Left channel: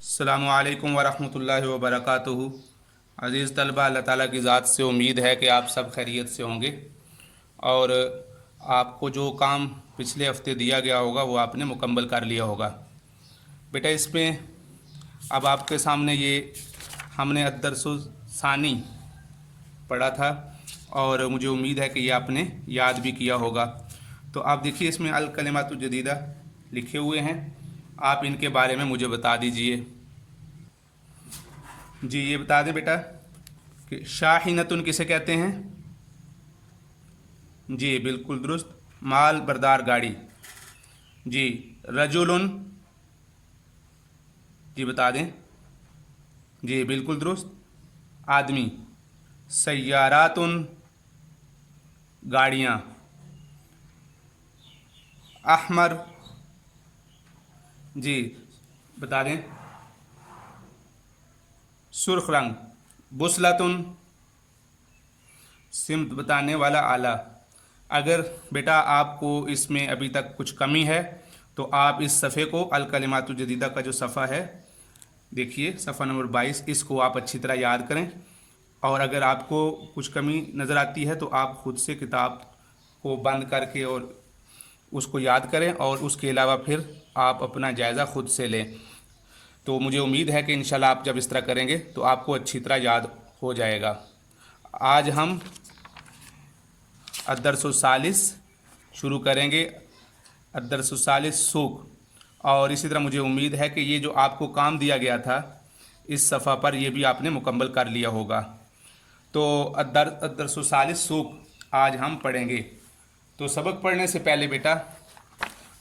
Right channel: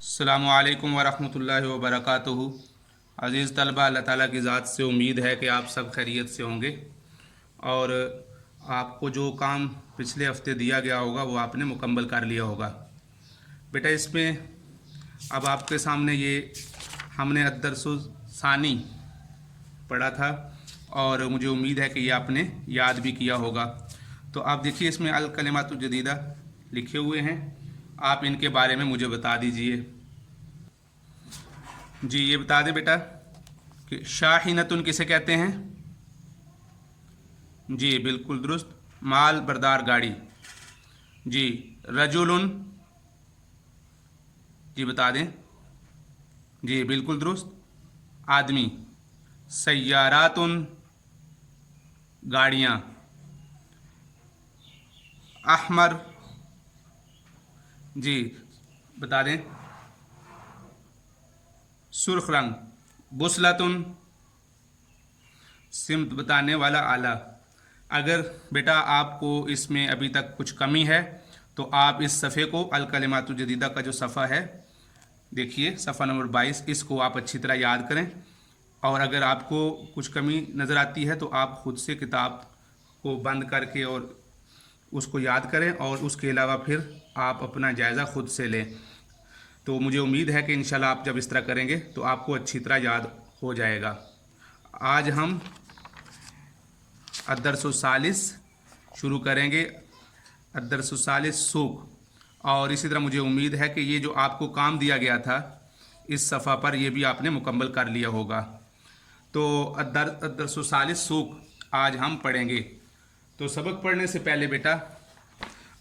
अस्सलामु अलैकुम वरहमतुल्लाहि वबरकातुहू। अज़ीज़ तलबा, अल्लाह ताला की ज़ात से उम्मीद है कि आप सब खैरियत से होंगे और आपको जो काम पिछले हफ्ते दिया गया होगा वो आपने मुकम्मल कर लिया होगा। बेटा, इसमें अब आपके सामने ये हमने अद्दरसुस्सानी पढ़ा था और मुझे उम्मीद है कि ये आपने याद भी किया होगा। तो आप देखिए, इसमें अल कलिमातु जदीदा लिखे हुए हैं, आप इनके बारे में मुझे बता दीजिए। जी, ये बता दें बेटा कि शाहीनतुन किसे कहते हैं? जी बिल्कुल दुरुस्त, माल बरदार गाड़ी। जी, रजुलुन, जी बता दें। जी बिल्कुल दुरुस्त, आदमी। सय्यारातुन, गाड़ियाँ। अहमर, जी बता दें। सुर्ख रंग। बुसलतुन, सिमत बताने वाला आला। अगर बेटा आपको इसमें अभी तक कुछ कमी है तो आप इस सफ़े को अल कलिमातु जदीदा का जो सफ़ा है, देखिए सफ़ा नंबर 22, इसको आप अच्छी तरह याद करें। और अगर आपको कुछ कमी नज़र आती है तो आप ख़ुद से किताब को बंद करके और उसको याद करें और उसके अलावा फिर आप अपना जायज़ा ख़ुद से लें। तो मुझे उम्मीद है कि इंशाल्लाह आप जब इस तरह करेंगे तो आपको अच्छी तरह याद हो जाएगा। आज हम अद्दरसुस्सालिस शुरू करेंगे, अद्दरसुस्सालिस सूक। और इसी तरह मुझे उम्मीद है कि ये जो आपको काम दिया गया था इस सफ़ा पर, ये भी आपने मुकम्मल कर लिया होगा। तो अद्दरसुस्सालिस सूक आज हम पढ़ेंगे। तो सबक पढ़ने से पहले बेटा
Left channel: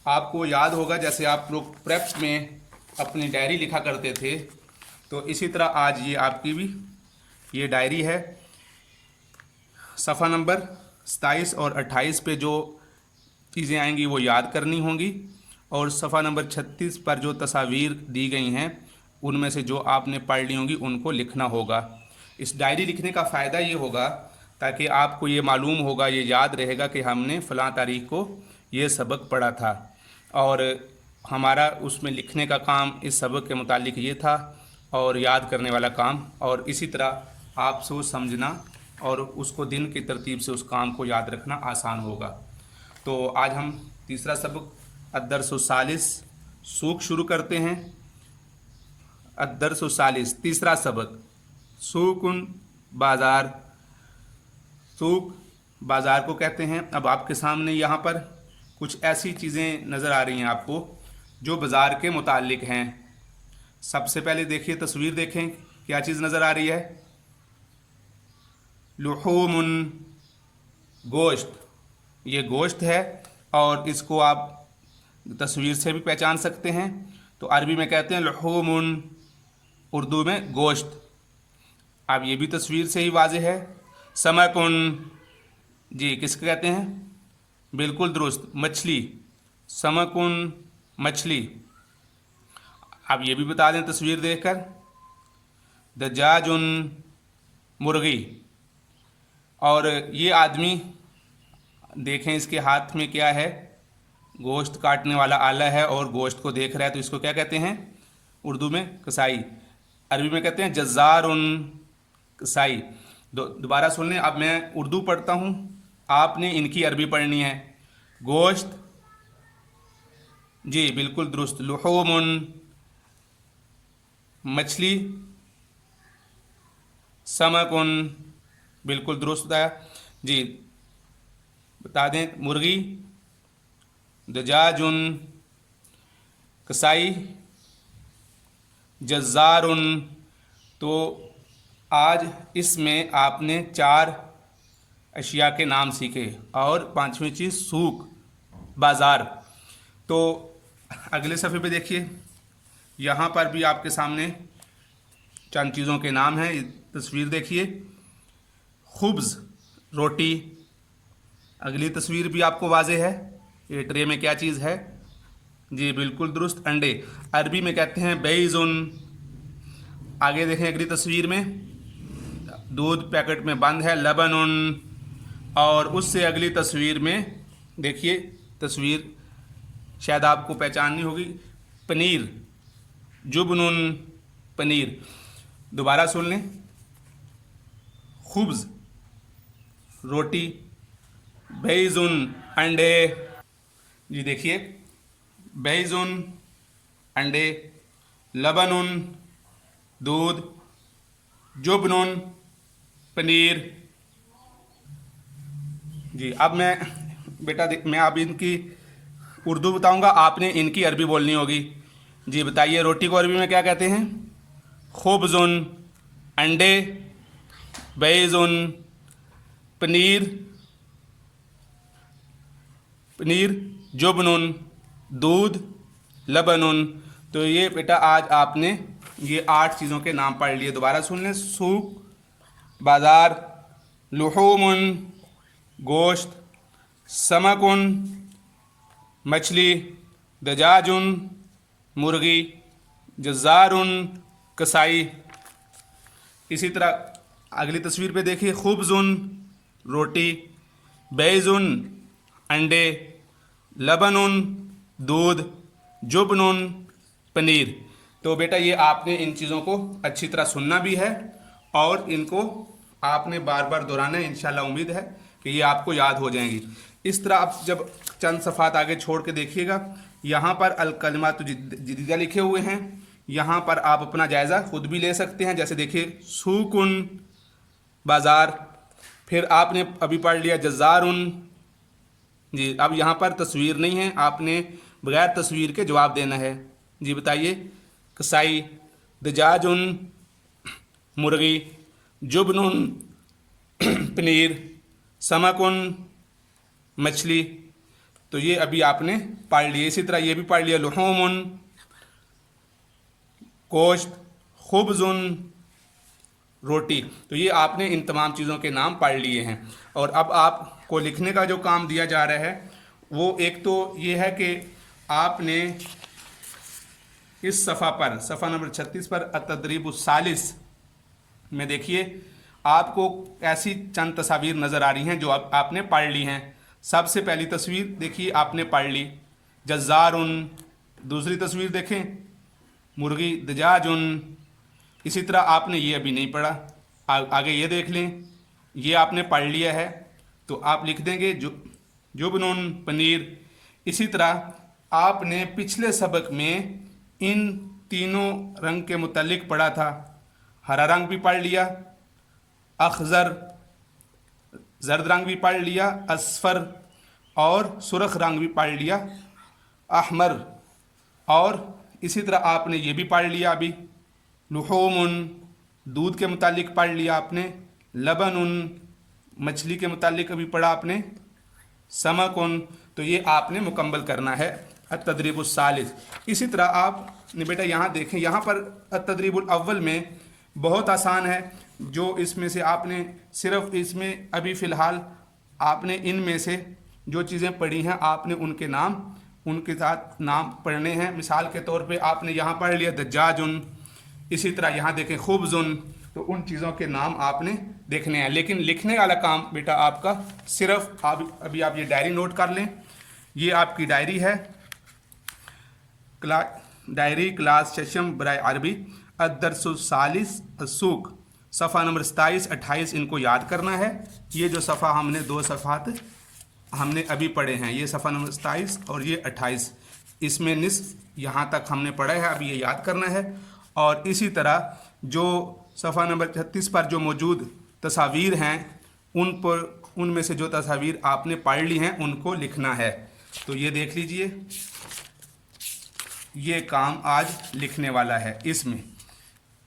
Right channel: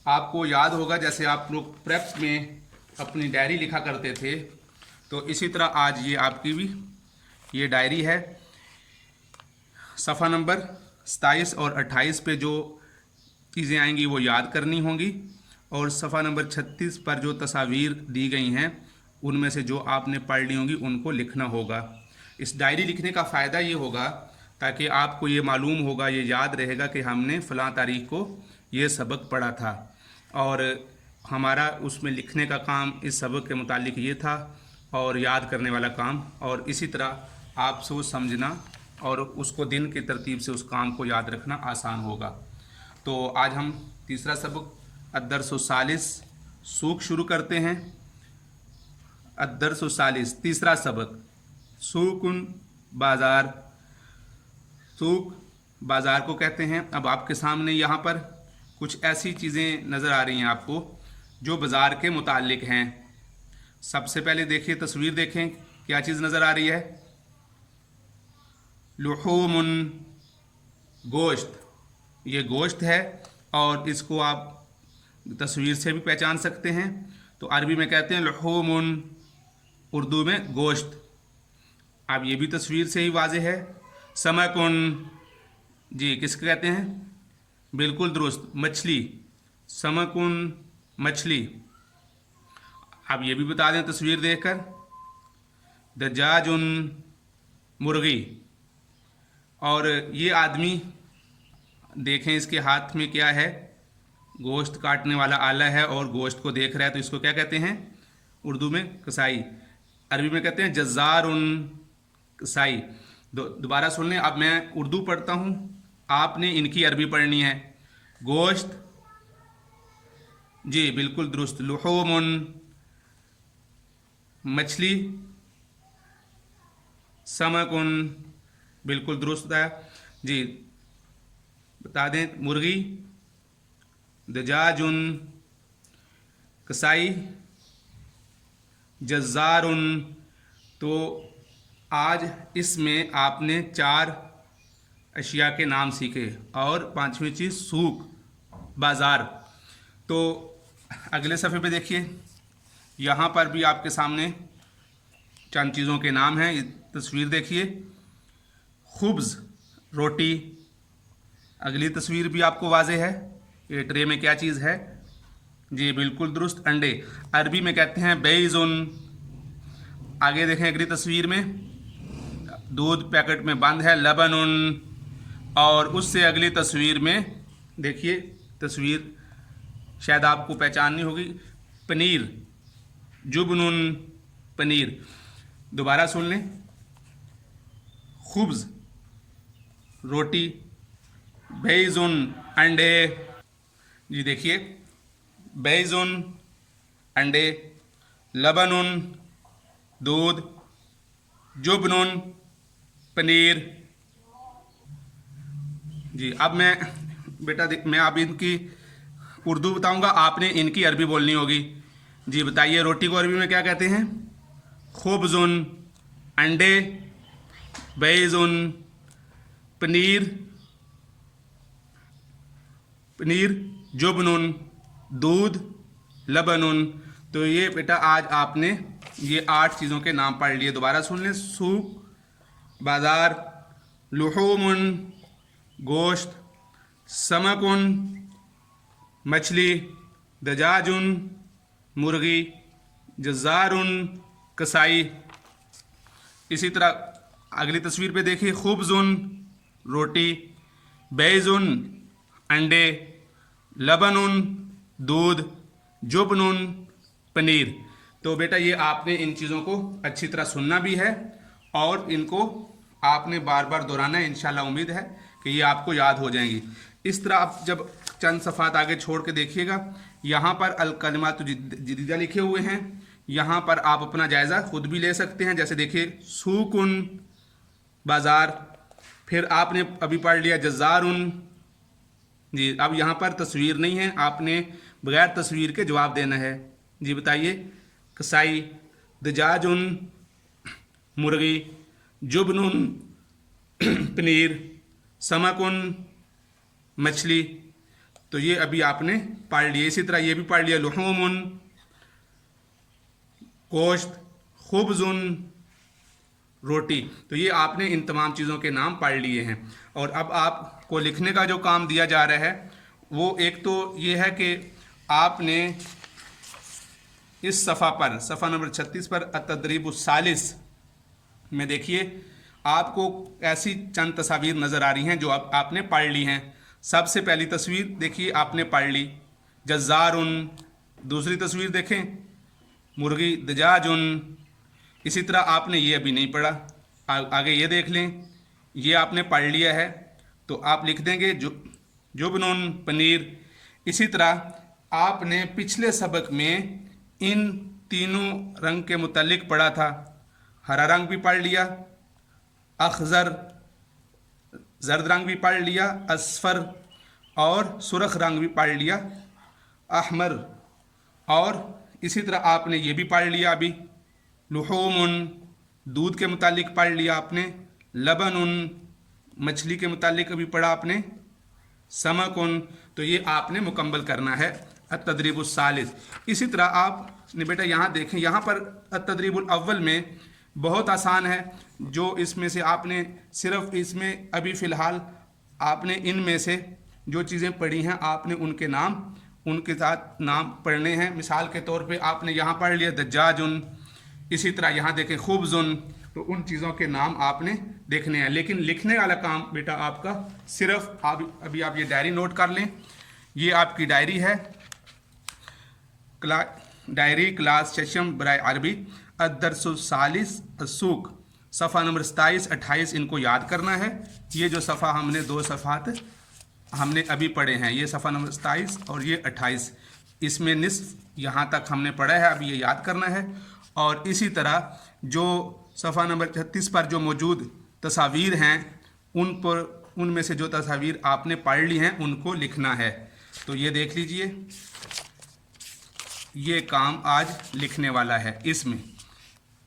आपको याद होगा, जैसे आप लोग प्रेप में अपनी डायरी लिखा करते थे, तो इसी तरह आज ये आपकी भी ये डायरी है। सफ़ा नंबर 27 और 28 पे जो चीज़ें आएंगी वो याद करनी होंगी, और सफ़ा नंबर 36 पर जो तस्वीर दी गई हैं उनमें से जो आपने पढ़ ली होंगी उनको लिखना होगा। इस डायरी लिखने का फ़ायदा ये होगा ताकि आपको ये मालूम होगा, ये याद रहेगा कि हमने फ़लाँ तारीख को ये सबक पढ़ा था और हमारा उसमें लिखने का काम इस सबक के मुतालिक ये था और याद करने वाला काम, और इसी तरह आप सोच समझना और उसको दिन की तरतीब से उस काम को याद रखना आसान होगा। तो आज हम तीसरा सबक अद्दरसुस्सालिस सूक शुरू करते हैं। अद्दरसुस्सालिस तीसरा सबक, सूकुन बाज़ार। सूक बाज़ार को कहते हैं। अब आपके सामने यहाँ पर कुछ ऐसी चीज़ें नज़र आ रही हैं आपको जो बाज़ार के मुतालिक हैं। सबसे पहले देखिए, तस्वीर देखें, क्या चीज़ नज़र आ रही है? लुहूमुन, गोश्त। ये गोश्त है और इसको आप तस्वीर से भी पहचान सकते हैं। तो अरबी में कहते हैं लुहूमुन, उर्दू में गोश्त। अब ये भी तस्वीर से ही वाज़ेह है। समकुन, जी किसको कहते हैं? बिल्कुल दुरुस्त, मछली। समकुन, मछली। अब ये भी बता दें तस्वीर देखकर, दजाजुन, मुर्गी। और ये आदमी देखें, इसके हाथ में क्या है? गोश्त काटने वाला आला है और गोश्त को देख रहा है, तो इसको क्या कहते हैं? उर्दू में कसाई। अरबी में कहते हैं जज़ारुन, कसाई। दोबारा सुन लें, अब मैं उर्दू पढ़ता हूँ, आपने इनकी अरबी पढ़नी है। गोश्त, जी बिल्कुल दुरुस्त, लुहूमुन, मछली। समकुन, बिल्कुल दुरुस्त बताया। जी बता दें, मुर्गी। दजाजुन, कसाई। जज़ारुन। तो आज इसमें आपने 4 अशिया के नाम सीखे और 5वीं चीज़ सूक, बाज़ार। तो अगले सफ़े पे देखिए, यहाँ पर भी आपके सामने चंद चीज़ों के नाम हैं। तस्वीर देखिए, खुब्ज़, रोटी। अगली तस्वीर भी आपको वाज़ेह है। ये ट्रे में क्या चीज़ है? जी बिल्कुल दुरुस्त, अंडे। अरबी में कहते हैं बैज़ुन। आगे देखें अगली तस्वीर में, दूध पैकेट में बंद है, लबनुन। और उससे अगली तस्वीर में देखिए, तस्वीर शायद आपको पहचाननी होगी, पनीर। जुबनुन पनीर। दोबारा सुन लें, खुब्ज़ रोटी, बैज़ुन अंडे। जी देखिए, बैज़ुन अंडे, लबनुन दूध, जुबनुन पनीर। जी अब मैं मैं अब इनकी उर्दू बताऊंगा, आपने इनकी अरबी बोलनी होगी। जी बताइए, रोटी को अरबी में क्या कहते हैं? खुब्ज़ुन अंडे, बैज़ुन पनीर, जुबनुन दूध, लबनुन। तो ये बेटा आज आपने ये 8 चीज़ों के नाम पढ़ लिए। दोबारा सुन लें, सूक बाज़ार, लुहूमुन गोश्त, समकुन मछली, दजाजुन मुर्गी, जज़ारुन कसाई। इसी तरह अगली तस्वीर पे देखिए, खुब्ज़ुन रोटी, बैज़ुन अंडे, लबनुन दूध, जुबनुन पनीर। तो बेटा ये आपने इन चीज़ों को अच्छी तरह सुनना भी है और इनको आपने बार बार दोहराना है। इंशाल्लाह उम्मीद है कि ये आपको याद हो जाएंगी। इस तरह आप जब चंद सफ़ात आगे छोड़ के देखिएगा, यहाँ पर अल कलिमातु जदीदा लिखे हुए हैं। यहाँ पर आप अपना जायज़ा खुद भी ले सकते हैं। जैसे देखिए, सूकुन बाज़ार, फिर आपने अभी पढ़ लिया जज़ारुन। जी अब यहाँ पर तस्वीर नहीं है, आपने बगैर तस्वीर के जवाब देना है। जी बताइए, कसाई, दजाजुन मुर्गी, जुबनुन पनीर, समकुन मछली। तो ये अभी आपने पढ़ लिए। इसी तरह ये भी पढ़ लिया, लुहूमुन गोश्त, खुब्ज़ुन रोटी। तो ये आपने इन तमाम चीज़ों के नाम पढ़ लिए हैं। और अब आपको लिखने का जो काम दिया जा रहा है वो एक तो ये है कि आपने इस सफ़ा नंबर 36 पर अत-तदरीबुस सालिस में देखिए, आपको ऐसी चंद तस्वीर नज़र आ रही हैं जो आपने पढ़ ली हैं। सबसे पहली तस्वीर देखिए, आपने पढ़ ली जज़ारुन। दूसरी तस्वीर देखें, मुर्गी दजाजुन। इसी तरह आपने ये अभी नहीं पढ़ा, आगे ये देख लें, ये आपने पढ़ लिया है। तो आप लिख देंगे जुबनुन पनीर। इसी तरह आपने पिछले सबक में इन तीनों रंग के मुतल्लिक पढ़ा था। हरा रंग भी पढ़ लिया, अखज़र जर्द रंग भी पढ़ लिया, असफर और सुरख रंग भी पढ़ लिया, अहमर। और इसी तरह आपने ये भी पढ़ लिया अभी, लुहूमुन दूध के मुतालिक पढ़ लिया आपने, लबनुन मछली के मुतालिक अभी पढ़ा आपने, समकुन। तो ये आपने मुकम्मल करना है अत-तदरीबुस सालिस। इसी तरह आपने बेटा यहाँ देखें, यहाँ पर अत-तदरीबुल अव्वल में बहुत आसान है। जो इसमें से आपने सिर्फ इसमें अभी फ़िलहाल आपने इनमें से जो चीज़ें पढ़ी हैं आपने उनके नाम उनके साथ नाम पढ़ने हैं। मिसाल के तौर पे आपने यहाँ पढ़ लिया दज्जाजुन। इसी तरह यहाँ देखें खुब्ज़ुन। तो उन चीज़ों के नाम आपने देखने हैं, लेकिन लिखने वाला काम बेटा आपका सिर्फ अभी आप ये डायरी नोट कर लें। ये आपकी डायरी है, डायरी क्लास सेशन बराए अरबी अद-दर्सुस सालिस अस-सूक, सफ़ा नंबर 27, 28 इनको याद करना है। ये जो सफ़ा हमने 2 सफ़ात हमने अभी पढ़े हैं, ये सफ़ा नंबर 27 और ये 28, इसमें निस्फ यहाँ तक हमने पढ़ा है, अभी ये याद करना है। और इसी तरह जो सफ़ा नंबर 36 पर जो मौजूद तस्वीर हैं उनमें से जो तस्वीर आपने पढ़ ली हैं उनको लिखना है। तो ये देख लीजिए, ये काम आज लिखने वाला है।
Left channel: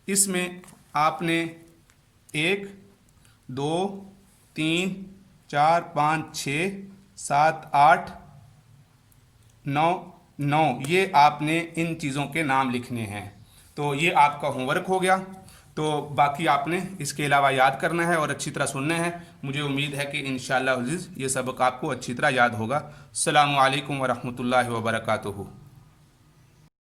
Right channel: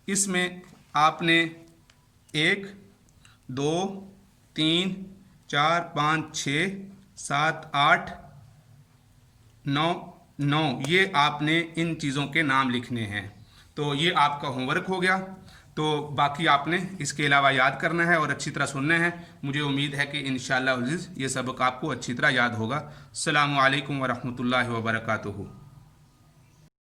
इसमें आपने 1 2 3 4 5 6 7 8 9 ये आपने इन चीज़ों के नाम लिखने हैं। तो ये आपका होमवर्क हो गया। तो बाकी आपने इसके अलावा याद करना है और अच्छी तरह सुनना है। मुझे उम्मीद है कि इंशाअल्लाह अज़ीज़ ये सबक आपको अच्छी तरह याद होगा। अस्सलामु अलैकुम व रहमतुल्लाहि व बरकातुहू।